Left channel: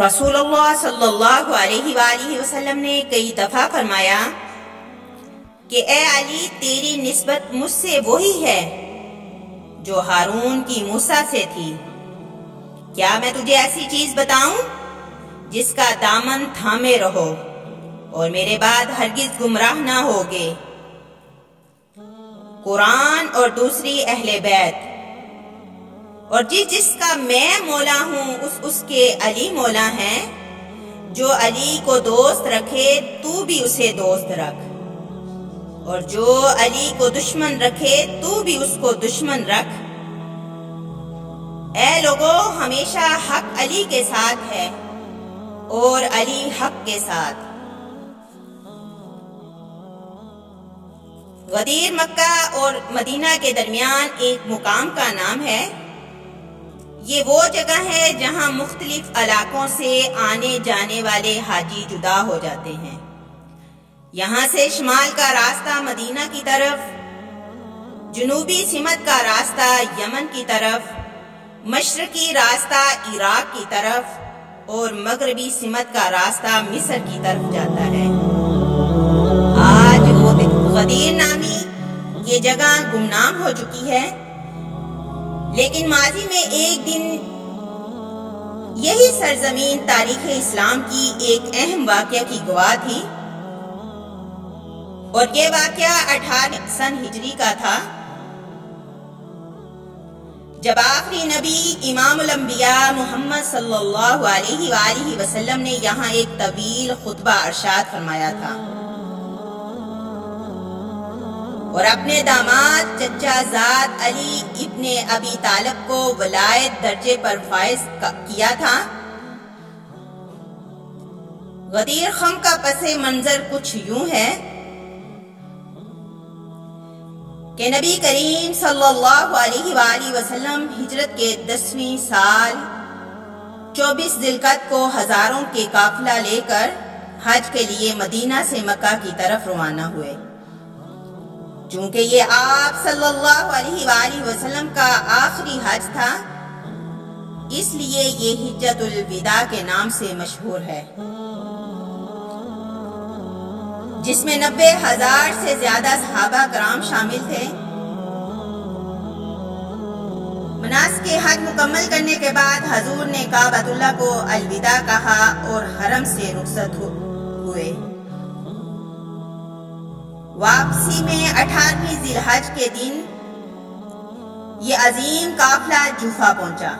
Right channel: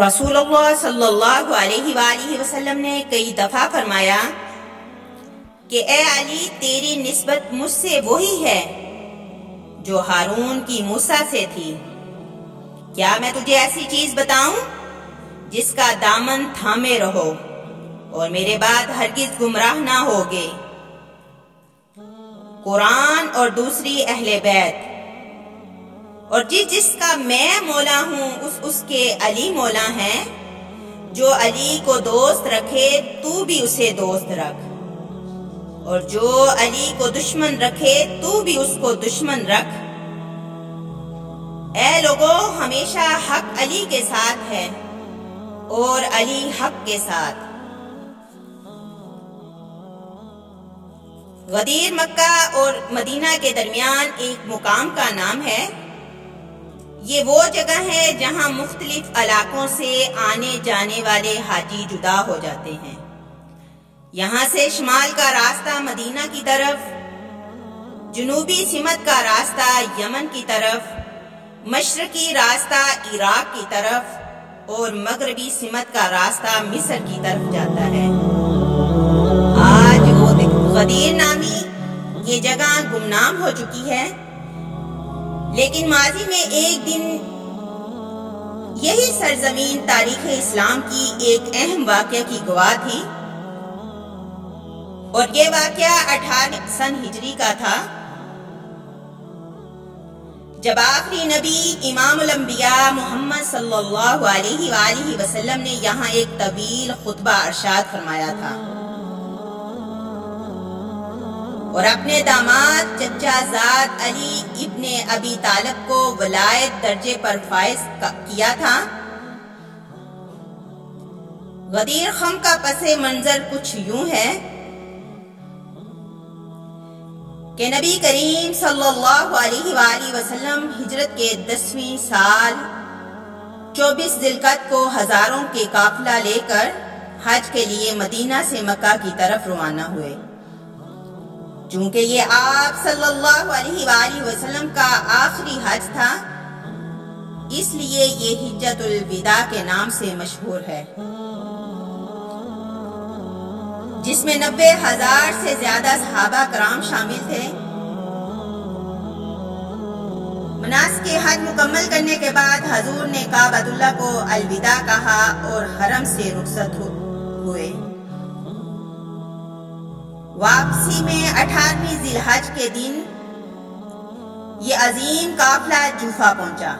رسول اللہ صلی اللہ علیہ وآلہ وسلم نے کئی دفعہ فرمایا کہ اے علی، تیری نسبت مجھ سے وہی ہے جو ہارون کی موسیٰ سے تھی۔ کیا میں تجھے ایسی چیز بتاؤں جس کا دامن تھامے رہو اور میرے بعد ہرگز گمراہ نہ ہوگے؟ قرآن اور دوسری اہل بیت، اور جس کا میں مولا ہوں اس کے علی مولا ہیں۔ جو علی کو دوست رکھے تو بھی اسے دوست رکھ، اور جو علی کو دشمن رکھے تو بھی اس کو دشمن رکھ۔ اے لوگو، ہمیشہ حق علی کے ساتھ ہے اور علی حق کے ساتھ۔ غدیر مکہ اور مدینہ کے درمیان ایک مقام کا نام ہے۔ یہ وہ جگہ ہے جہاں مختلف علاقوں سے آنے جانے والے حاجی جدا ہو جاتے ہیں۔ یہاں سے شمال کا راستہ مدینہ کی طرف، جنوبی سمت کا راستہ یمن کی طرف، مشرقی راستہ عراق کی طرف اور مغربی سمت کا راستہ مصر کی طرف جاتا ہے۔ آج غدیر نامی یہ جگہ گمنام ہو چکی ہے، لیکن ماضی میں ایک دن یہی سرزمین تاریخ اسلام کی ایک اہم واقعہ کی گواہ تھی، اور یہ واقعہ 18 سن ہجری کا تھا، جب آخری نبی امام الانبیاء محمد صلی اللہ علیہ وآلہ وسلم نے یہاں ایک طویل خطبہ ارشاد فرمایا تھا اور اپنے داماد چچا زاد علی ابن ابی طالب کو ولایت درجے پر فائز کیا تھا۔ غدیر خم کا پس منظر کچھ یوں ہے کہ نبی کریم صلی اللہ علیہ وآلہ وسلم ہجرت کے 10ویں سال 24 ذی القعدہ کو ہزاروں کے قافلہ لے کر حج کے لیے مدینہ سے مکہ کی طرف روانہ ہوئے۔ چونکہ یہ آپ صلی اللہ علیہ وآلہ وسلم کا آخری حج تھا، اس لیے یہ حجۃ الوداع کے نام سے مشہور ہے، جس میں 90,000 سے زیادہ صحابہ کرام شامل تھے۔ مناسک حج مکمل کرنے کے بعد حضور نے کعبۃ اللہ کو الوداع کہا اور حرم سے رخصت ہوئے۔ واپسی میں 18ویں ذی الحج کے دن یہ عظیم قافلہ جوفہ پہنچا۔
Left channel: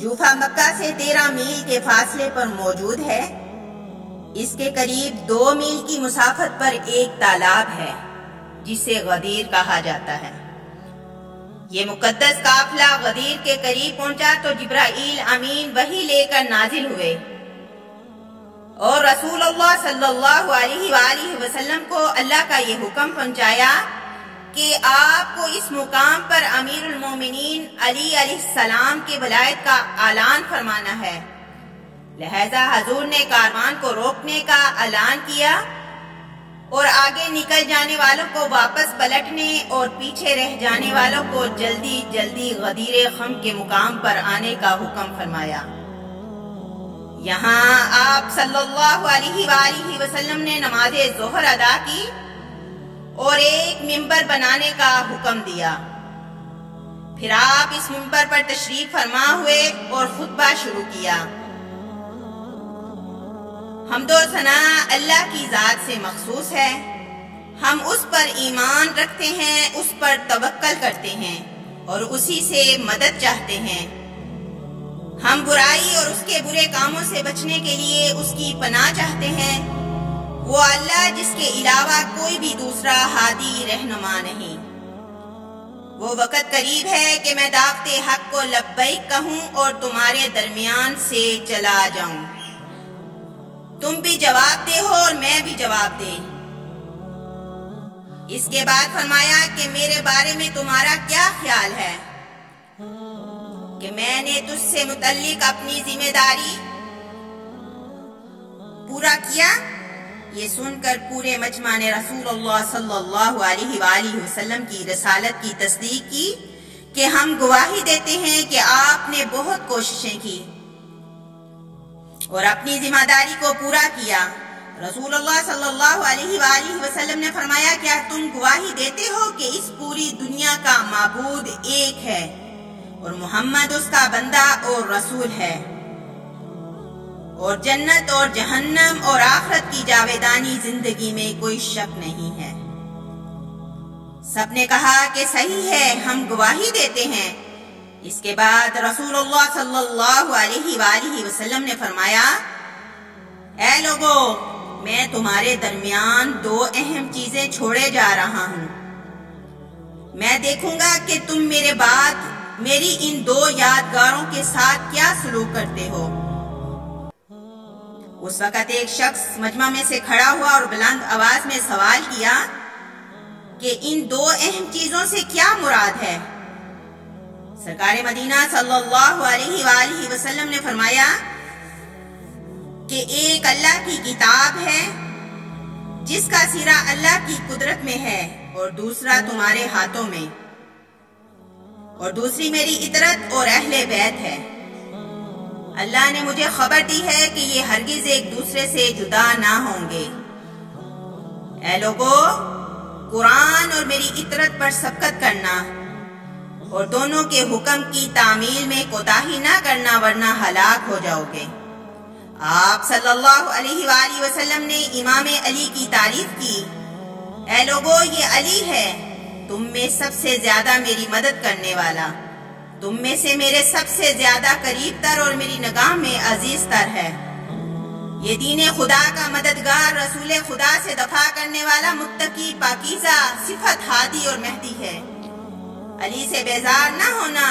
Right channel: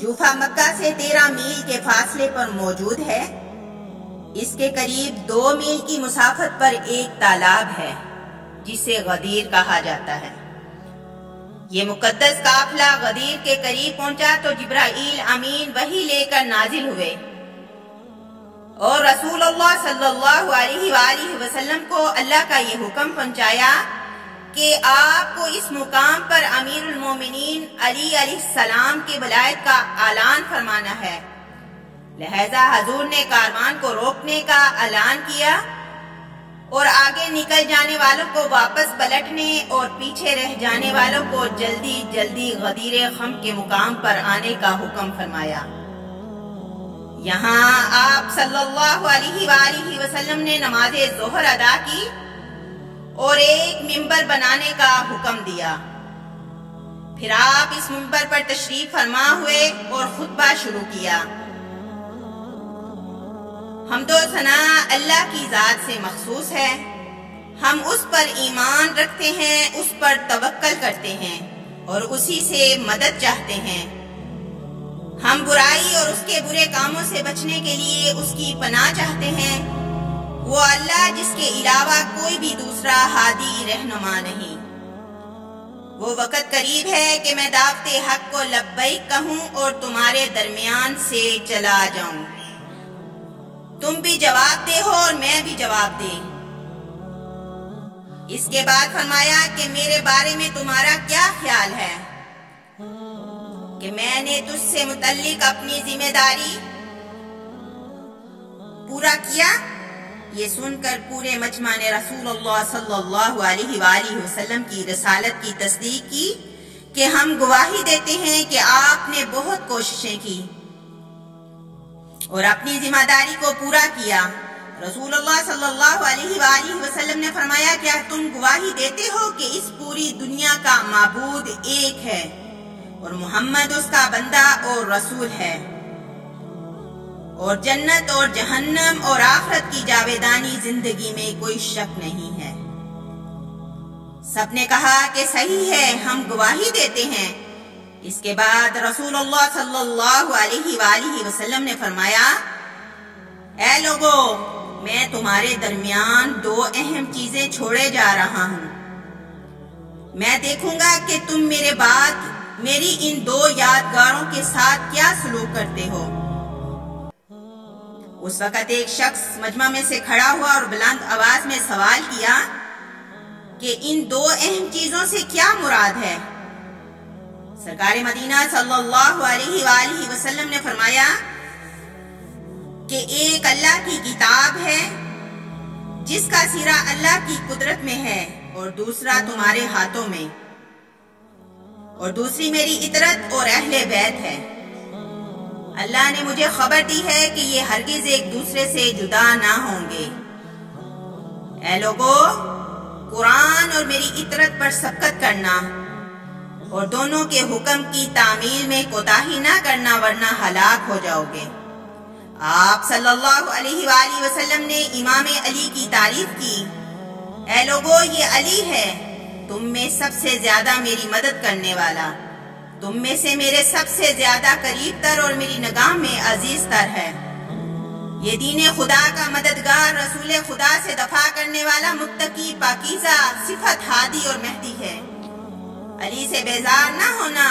جوفہ مکہ سے 13 میل کے فاصلے پر موجود ہے۔ اس کے قریب 2 میل کی مسافت پر ایک تالاب ہے جسے غدیر کہا جاتا ہے۔ یہ مقدس قافلہ غدیر کے قریب پہنچا تو جبرائیل امین وحی لے کر نازل ہوئے اور رسول اللہ صلی اللہ علیہ وآلہ وسلم کو اللہ کا یہ حکم پہنچایا کہ آپ کو اس مقام پر امیر المومنین علی علیہ السلام کی ولایت کا اعلان فرمانا ہے۔ لہذا حضور نے کاروان کو روکنے کا اعلان کیا اور آگے نکل جانے والوں کو واپس پلٹنے اور پیچھے رہ جانے والوں کو جلدی جلدی غدیر خم کے مقام پر آنے کا حکم فرمایا۔ یہاں آپ صلی اللہ علیہ وآلہ وسلم نے نماز ظہر ادا کی اور ایک ممبر بنانے کا حکم دیا۔ پھر آپ اس ممبر پر تشریف فرما ہوئے اور خطبہ شروع کیا۔ حمد و ثنا اللہ کی ذات سے مخصوص ہے، ہم اس پر ایمان رکھتے ہیں، اس پر توکل کرتے ہیں اور اسی سے مدد چاہتے ہیں۔ ہم برائی اور اس کے برے کاموں سے بچنے کے لیے اس کی پناہ چاہتے ہیں، وہ اللہ جس کے علاوہ کوئی بھی دوسرا ہادی رہنما نہیں۔ وہ وقت قریب ہے کہ میں دعوت حق کو لبیک کہوں اور تمہارے درمیان سے چلا جاؤں، تم بھی جواب دے ہو اور میں بھی جواب دے۔ اس کے بعد فرمایا کہ میرے بارے میں تمہارا کیا خیال ہے کہ میں نے تجھ سے متعلق اپنی ذمہ داری پورا کیا؟ یہ سن کر پورے مجمع نے رسول اللہ صلی اللہ علیہ وآلہ وسلم کی رسالت کی تصدیق کی کہ ہم گواہی دیتے ہیں کہ آپ نے بہت کوششیں کی اور اپنی ذمہ داری کو پورا کیا۔ رسول اللہ صلی اللہ علیہ وآلہ وسلم نے فرمایا، کیا تم گواہی دیتے ہو کہ اس پوری دنیا کا معبود ایک ہے اور محمد اس کا بندہ اور رسول ہے، اور جنت اور جہنم اور آخرت کی جاویدانی زندگی میں کوئی شک نہیں ہے؟ سب نے کہا کہ صحیح ہے، ہم گواہی دیتے ہیں۔ اس کے بعد رسول اللہ صلی اللہ علیہ وآلہ وسلم نے فرمایا، اے لوگو، میں تمہارے درمیان دو اہم چیزیں چھوڑے جا رہا ہوں۔ میں دیکھوں گا کہ تم میرے بعد میری ان دو یادگاروں کے ساتھ کیا سلوک کرتے ہو۔ اس وقت ایک شخص مجمع میں سے کھڑا ہوا اور بلند آواز میں سوال کیا کہ ان دو اہم چیزوں سے کیا مراد ہے؟ سرکار مدینہ صلی اللہ علیہ وآلہ وسلم نے فرمایا کہ ایک اللہ کی کتاب ہے جس کا سیرا اللہ کی قدرت میں ہے، اور دوسرا تمہارے ہاتھوں میں، اور دوسری میری اطرت اور اہل بیت ہے۔ اللہ نے مجھے خبر دی ہے کہ یہ ہرگز ایک دوسرے سے جدا نہ ہوں گے۔ اے لوگو، قرآن اور میری اطرت پر سبقت کرنا اور دونوں کے حکم کی تعمیل میں کوتاہی نہ کرنا، ورنہ ہلاک ہو جاؤ گے۔ آپ صلی اللہ علیہ وآلہ وسلم نے امام علی کی تعریف کی، اے لوگو، یہ علی ہے، تم میں سب سے زیادہ میری مدد کرنے والا، تم میں سے میرے سب سے زیادہ قریب تر اور میری نگاہ میں عزیز تر ہے۔ یہ دین خدا کا مددگار، رسول خدا سے دفاع کرنے والا، متقی، پاکیزہ، صفت ہادی اور مہدی ہے۔ علی سے بیزار نہ ہونا۔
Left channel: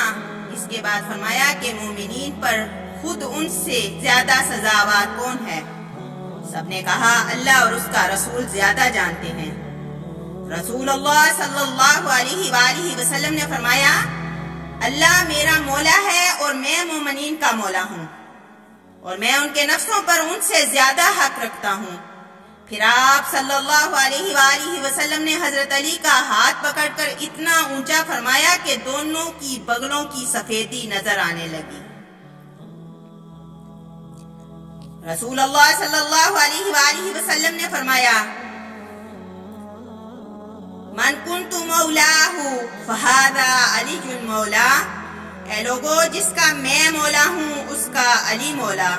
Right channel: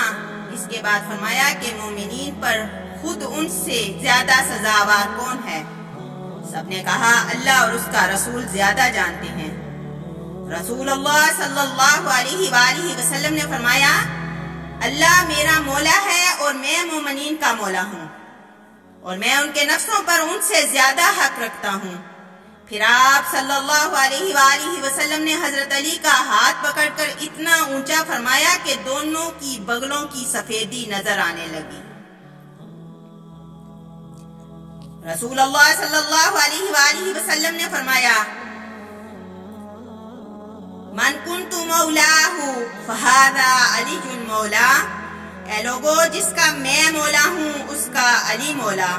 اس کے بعد فرمایا کہ مومنین پر خود ان سے زیادہ سزاوار کون ہے؟ سب نے کہا، اللہ اور اس کا رسول زیادہ جانتے ہیں۔ رسول اللہ صلی اللہ علیہ وآلہ وسلم نے فرمایا، اللہ میرا مولا ہے اور میں مومنین کا مولا ہوں، اور میں ان کے نفسوں پر ان سے زیادہ حق رکھتا ہوں۔ پھر آپ صلی اللہ علیہ وآلہ وسلم نے حضرت علی کا ہاتھ پکڑ کر اتنا اونچا فرمایا کہ دونوں کی بغلوں کی سفیدی نظر آنے لگی۔ رسول اللہ صلی اللہ علیہ وآلہ وسلم نے فرمایا، من کنت مولاہ فہذا علی المولا، اے لوگو، جس کا میں مولا ہوں اس کا علی مولا۔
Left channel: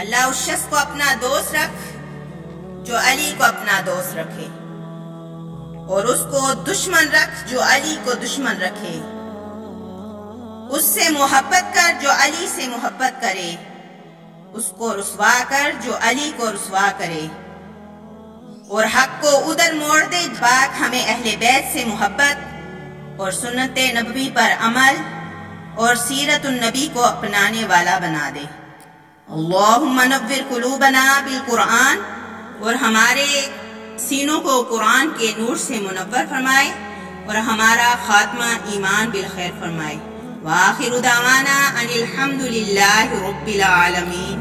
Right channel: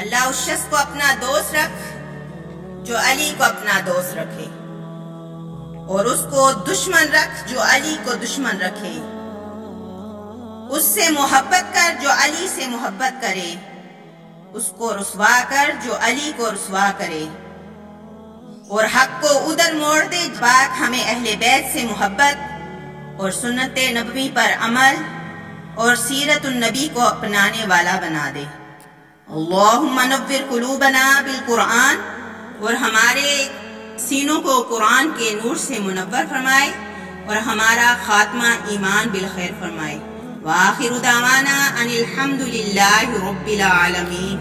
اللہ اس شخص کو اپنا دوست رکھ جو علی کو اپنا دوست رکھے، اور اس کو دشمن رکھ جو علی کو دشمن رکھے۔ اس سے محبت کر جو علی سے محبت کرے، اس کو رسوا کر جو علی کو رسوا کرے، اور حق کو ادھر موڑ دے۔ پاک ہمیں اہل بیت سے محبت اور سنت نبوی پر عمل اور سیرت النبی کو اپنانے والا بنا دے۔ اللہم نور قلوبنا بالقرآن، اور ہمارے سینوں کو قرآن کے نور سے منور فرمائے، اور ہمارا خاتمہ ایمان بالخیر فرمائے۔ وآخر دعوانا ان الحمد للہ رب العالمین۔